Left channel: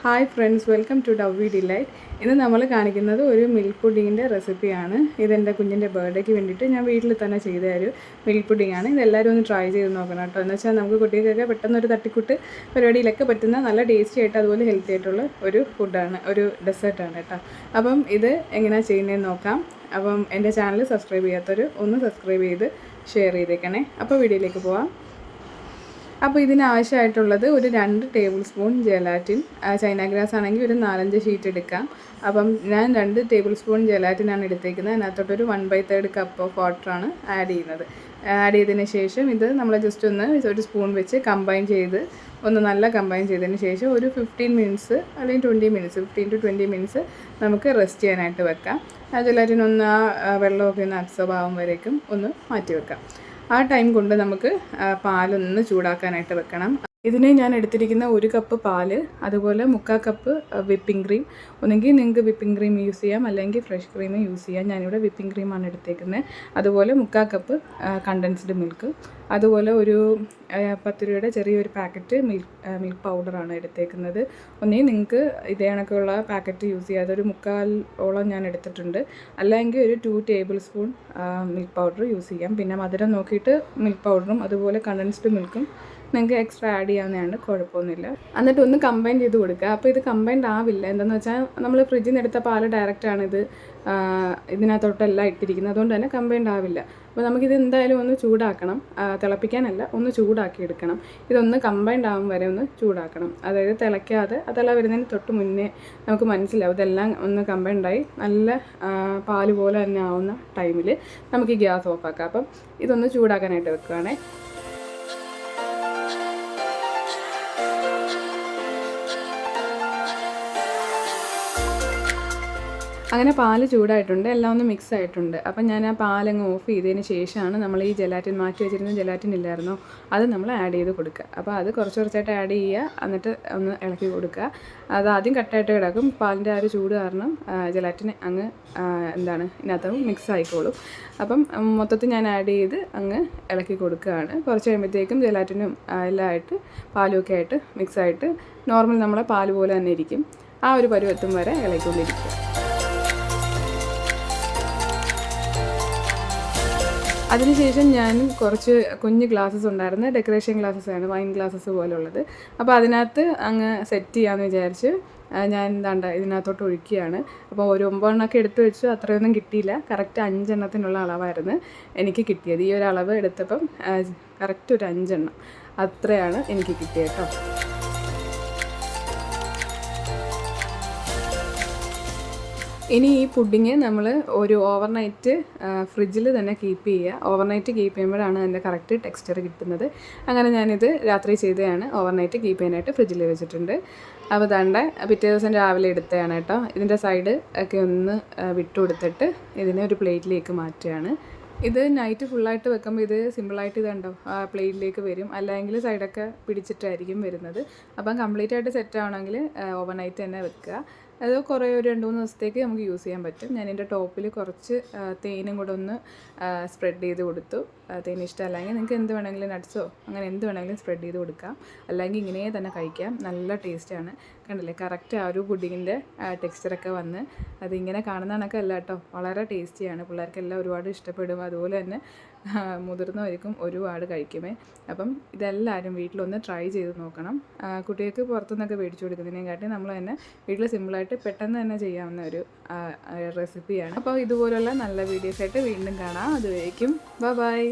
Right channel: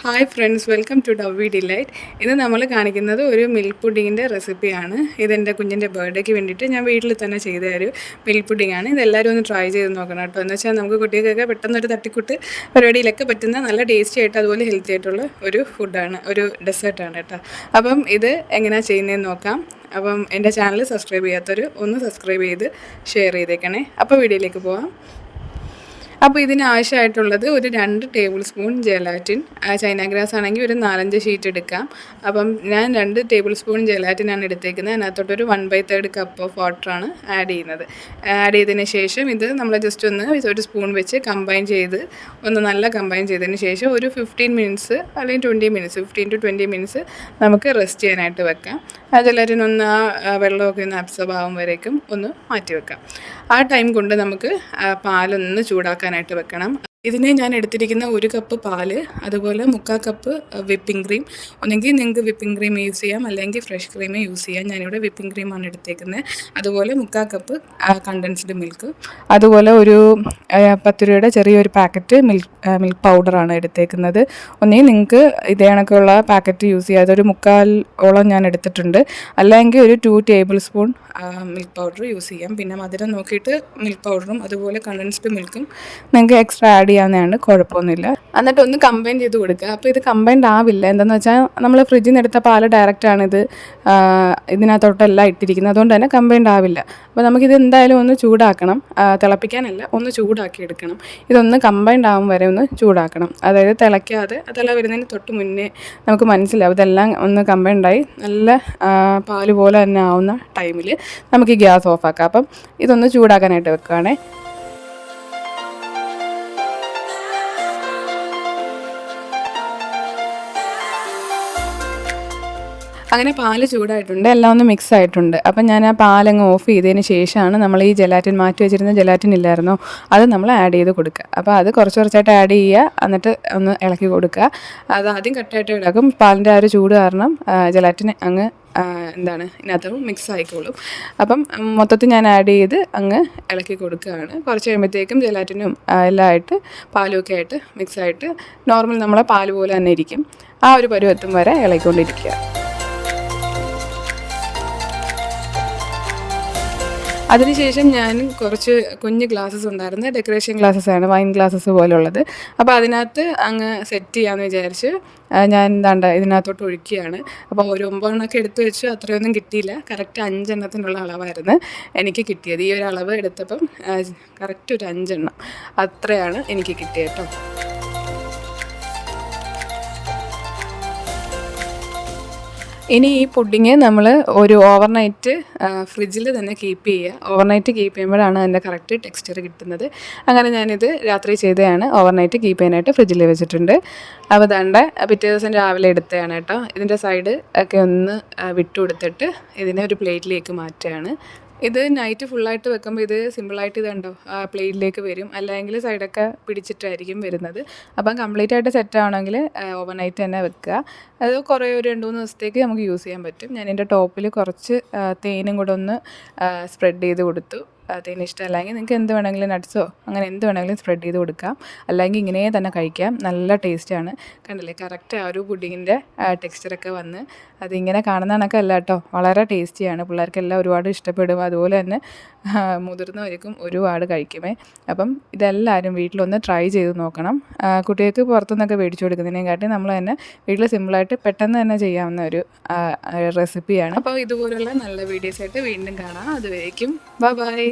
Hi friends, welcome to ഡവ്വി delight. ഇത് നമ്മൾ കാണിക്കുന്നത് ഒരു മിൽക്ക് പുഡിങ്ങിൻ്റെ റെസിപ്പിയാണ്. ഇതെൻ്റെ കുഞ്ഞിൻ്റെ ബർത്ത്ഡേക്ക് വേണ്ടിയിട്ട് ഞാൻ വീട്ടിൽ തന്നെ ചെയ്ത ഒരു മിൽക്ക് പുഡിങ്ങാണ്. ഇതെല്ലാവരും ഒന്ന് ട്രൈ ചെയ്ത് നോക്കണം കേട്ടോ. എന്ന് വെച്ചാൽ നമുക്ക് കുട്ടികൾക്കൊക്കെ പെട്ടെന്നൊരു തട്ടിക്കൂട്ട് പരിപാടിയിലൊക്കെ പറ്റുന്ന നല്ല ടേസ്റ്റി ആയിട്ട് അതുപോലെ ഹെൽത്തി ആയിട്ടുള്ള ഒരു ഫുഡാണ്, ഒരു ഡെസേർട്ടാണ് കേട്ടോ. അപ്പം ഇത് എങ്ങനെയാണ് ചെയ്യുന്നതെന്ന് നോക്കാം. അപ്പം എൻ്റെ ചാനൽ സബ്സ്ക്രൈബ് ചെയ്യാത്തവർ ഒന്ന് സബ്സ്ക്രൈബ് ചെയ്ത് ഷെയർ ചെയ്തേക്കണേ. അപ്പോൾ വീഡിയോയിലേക്ക് പോവാം. അപ്പോൾ ഇതിനാവശ്യമായിട്ടുള്ളത് ഒരു 2 table spoon gelatin. China grass ആണെങ്കിൽ ഒരു 4-5 ഷീറ്റ് എടുക്കാം. അപ്പം ഞാൻ 2 ടേബിൾ സ്പൂൺ ജെലാറ്റിനാണ് എടുത്തേക്കുന്നത്. അതിനകത്തോട്ടൊരു 1/3 കപ്പ് ഓഫ് വാട്ടറാണ് ആഡ് ചെയ്യുന്നത്. ആഡ് ചെയ്തതിന് ശേഷം ഇത് നമ്മൾ ജസ്റ്റ് ഒന്ന് ഒരു സ്പൂൺ വെച്ച് കമ്പൈൻ ചെയ്ത് നല്ല കമ്പൈൻ ചെയ്തതിന് ശേഷം ഒരു 15 മിനിറ്റ്സ് അല്ലെങ്കിൽ 20 മിനിറ്റ്സ് 15 to 20 മിനിറ്റ്സ് നമുക്ക് റെസ്റ്റ് ചെയ്യാനായിട്ട് വെക്കാം. ജെലാറ്റിൻ ഒന്ന് വെള്ളമൊക്കെ ഒന്ന് അബ്സോർബ് ആകും വരേക്കും ഒന്ന് മാറ്റി വെക്കാം. ആ ടൈം കൊണ്ട് നമുക്ക് പാലൊന്ന് ചൂടാക്കാനായിട്ട് വെക്കണം. ഇതിന് ഞാൻ എടുത്തിരിക്കുന്ന 1 കപ്പ് പാല്, അതുപോലെ 3/4 കപ്പ് വിപ്പിംഗ് ക്രീം. ഒന്നെങ്കിൽ നിങ്ങൾക്ക് വിപ്പിംഗ് ക്രീം യൂസ് ചെയ്യാം, അല്ലെങ്കിൽ ഫ്രഷ് ക്രീം യൂസ് ചെയ്യാം. ഞാനിവിടെ വിപ്പിംഗ് ക്രീമാണ് എടുത്തേക്കുന്നത്. അതുപോലെ 3/4 കപ്പ് കണ്ടൻസ്ഡ് മിൽക്ക്, അതുപോലെ ഒരു 10 രൂപയുടെ ചെറിയൊരു പാക്കറ്റ് മിൽക്ക് പൗഡറാണ് എടുത്തേക്കുന്നത്. ഒന്നെങ്കിൽ നിങ്ങൾക്ക് ഇതേ കണക്കുള്ള പാക്കറ്റ് യൂസ് ചെയ്യാം. അതൊരു 3/4 ഞാൻ എടുത്തിട്ടുണ്ട്. അല്ലെങ്കിൽ ഒരു 2 table spoon milk powder use ചെയ്യാം. പിന്നെ മധുരം നോക്കിയിട്ട് മിൽക്ക് പൗഡറും അതുപോലെ കണ്ടൻസ്ഡ് മിൽക്കും നിങ്ങൾക്ക് എക്സ്ട്രാ ആഡ് ചെയ്യാവുന്നതാണ്, കുഴപ്പമൊന്നുമില്ല. എന്നിട്ട് ഒന്ന് കമ്പൈൻ ചെയ്ത് കൊടുക്കുക. അപ്പോൾ ഇത് കമ്പൈൻഡ് ആവില്ല. എന്താണെന്ന് വെച്ചാൽ നമ്മൾ ഫ്രിഡ്ജിൽ നിന്ന് എടുത്ത പാല് ഡയറക്റ്റാണിത് ഇതിനകത്തോട്ടെല്ലാം ഇട്ടിരിക്കുന്നത്. അതുകൊണ്ട് തന്നെ കമ്പൈൻഡ് ആവില്ല. അപ്പോൾ നമുക്കിത് എന്തായാലും ഒന്ന് ചൂടാക്കണം. തിളപ്പിക്കാനല്ല, ഒന്ന് ചൂടാക്കി എടുക്കണം. ഇതൊന്ന് കമ്പൈൻഡ് ആകും വരെ ഒന്ന് ചൂടാക്കണം. അതായത് തിളയ്ക്കാതെ തിള വരുന്നതിന് തൊട്ട് മുന്നേ നമുക്ക് മനസ്സിലാവും ഇതെല്ലാം ഒന്ന് കമ്പൈൻഡായി നല്ല പാല് പോലെ തന്നെ ആവുന്ന ടൈമിൽ നമുക്ക് ഗ്യാസ് ഓഫാക്കാം. അപ്പം ഇതൊന്ന് ചൂടാക്കാനായിട്ട് വെക്കുകയാണേ. അങ്ങനെ പാല് ചൂടായിട്ടുണ്ട്, എല്ലാം ഒന്ന് മിക്സ് ആയിട്ടുണ്ട്. അപ്പം ഞാൻ ആ പാലങ്ങ് ഓഫ് ചെയ്തതിന് ശേഷമാണ് നമ്മൾ ഈ ജെലാറ്റിൻ മാറ്റി വെച്ചിരുന്ന ജെലാറ്റിൻ ഇല്ലായിരുന്നോ, അത് നമ്മൾ ആഡ് ചെയ്ത് കൊടുക്കുക. അപ്പോൾ അത് കുറച്ചായിട്ട് ആഡ് ചെയ്യുക, എന്നിട്ട് ഒന്ന് ഇളക്കി കൊടുക്കുക. അത് ആദ്യം കട്ടായിട്ട് കിടക്കും. പാലിൻ്റെ ആ ഒരു ചൂട് കാരണം ജെലാറ്റിൻ അങ്ങ് ഇതിനകത്ത് മിക്സ് ആയിക്കോളും. അപ്പം മൊത്തത്തിൽ ഞാൻ ആഡ് ചെയ്ത് അങ്ങ് ഇളക്കി കൊടുക്കുകയാണ്. കുറച്ച് കഴിയുമ്പോഴത്തേക്കും ജെലാറ്റിനും എല്ലാം ആയിട്ട് പാലും ഒക്കെ ആയിട്ട് മിക്സായിട്ട് നോർമൽ നമ്മളെ പാല് പോലെ തന്നെ ഇരിക്കും. ആ ഒരു പരുവത്തും വരെ ഇളക്കിക്കൊണ്ടിരിക്കുക. അതിനുശേഷം ഞാൻ കുറച്ച് കുഞ്ഞ് ഗ്ലാസ്സസ് ഉണ്ടായിരുന്നു, ഡെക്കറേഷൻ ഗ്ലാസ്സസാണ്, വൈൻ ഗ്ലാസ്സസ് പോലുള്ളത്. അപ്പോൾ അതിനകത്ത് അങ്ങ് സെറ്റ് ചെയ്യാമെന്ന് വിചാരിച്ച് ഞാൻ ഇതിനകത്തോട്ട് ഒഴിക്കുകയാണ്. അപ്പോൾ ഒരു 9 എണ്ണമൊക്കെ എടുത്ത് വെച്ചു. അത്രയൊന്നും കിട്ടിയില്ല. കറക്റ്റ് 5 എണ്ണത്തിനുള്ള അളവായിരുന്നു എനിക്ക് കിട്ടിയത്. ഈ ഒരു അളവ് എടുത്തപ്പം കറക്റ്റ് ഒരു 5 എണ്ണം അത്രയാണ് എനിക്ക് കിട്ടിയത് കേട്ടോ. ഇനി ഈ പുഡിങ് നമ്മൾ ഒരു ഓവർനൈറ്റ് ഫ്രിഡ്ജിൽ തന്നെ കീപ്പ് ചെയ്യുക. ഓവർനൈറ്റ് കീപ്പ് ചെയ്യുമ്പോഴാണ് അതിൻ്റെ കറക്റ്റ് ടെക്സ്ചർ കിട്ടുന്നത്. അങ്ങനെ ഞാനിത് രാത്രി ചെയ്തതാണ്. ഓവർനൈറ്റ് കീപ്പ് ചെയ്യാനായിട്ട് ഫ്രിഡ്ജിൽ വെച്ചിട്ടുണ്ട്. അപ്പോൾ പിറ്റേ ദിവസം രാവിലെ എടുത്തതാണ് കേട്ടോ. ഇതിൻ്റെ സൈഡ് ഒക്കെ ഒന്ന് വിട്ടു കൊടുത്തിട്ട് ഇതിനെ ഒരു പ്ലേറ്റിലേക്ക് മാറ്റുകയാണ്. ഇത് നൈറ്റ് ഫുള്ളായിട്ട് വെക്കുമ്പോൾ ഇത് സിമ്പിളായിട്ട് ഇതുണ്ടോ പ്ലേറ്റിലേക്ക് വരും, അല്ലെങ്കിൽ സൈഡൊക്കെ പിടിച്ചിട്ടായിരിക്കും വരുന്നത്. അപ്പം കംപ്ലീറ്റ് ആയിട്ട് സെറ്റ് ആവണമെങ്കിൽ ഓവർനൈറ്റ് തന്നെ വെക്കുക. അത് കുറേ ഒരു 2-3 ദിവസത്തേക്ക് നമുക്ക് യൂസ് ചെയ്യാൻ പറ്റും. ഞാൻ എൻ്റെ ടോപ്പിൽ കുറച്ച് തേനും കൂടെ ഒന്ന് സ്പ്രെഡ് ചെയ്ത് കൊടുത്തു. തേൻ ഇഷ്ടമല്ലെങ്കിൽ നിങ്ങൾക്ക് എന്ത് വേണമെങ്കിലും നട്ട്സോ അങ്ങനെ എന്ത് വേണമെങ്കിലും സ്പ്രെഡ് ചെയ്ത് കൊടുക്കാം, അല്ലെങ്കിൽ ഇങ്ങനെ തന്നെ കഴിക്കാം. നല്ല ടേസ്റ്റാണ്. കണ്ടില്ലേ, കറക്റ്റ് ആ ഒരു പുഡിങ്ങിൻ്റെ ടെക്സ്ചറൊക്കെ വന്ന് അതിങ്ങനെ കാണുന്ന കണക്കല്ല കേട്ടോ, വളരെ ടേസ്റ്റിയാണ്. പിള്ളേർക്കെല്ലാം ഒരുപാട് ഇഷ്ടപ്പെടും. അതുപോലെ തന്നെ മുതിർന്നവർക്കും ഒരുപാട് കഴിക്കുമേ. അപ്പം ഇതെല്ലാവരും വീട്ടിലൊന്ന് ട്രൈ ചെയ്ത് നോക്കണം. കുട്ടികൾക്ക് പുറത്തുനിന്നൊക്കെ മേടിച്ചു കൊടുക്കുന്നതിനെക്കാട്ടി നമ്മൾ തന്നെ വീട്ടിൽ സിമ്പിളായിട്ട് പെട്ടെന്ന് തന്നെ ചെയ്യാവുന്ന ഒരു റെസിപ്പിയാണ്. അപ്പോൾ ഇതുപോലുള്ള നല്ല വീഡിയോസായിട്ട് വീണ്ടും കാണാം. അതുവരേക്കും ബൈ.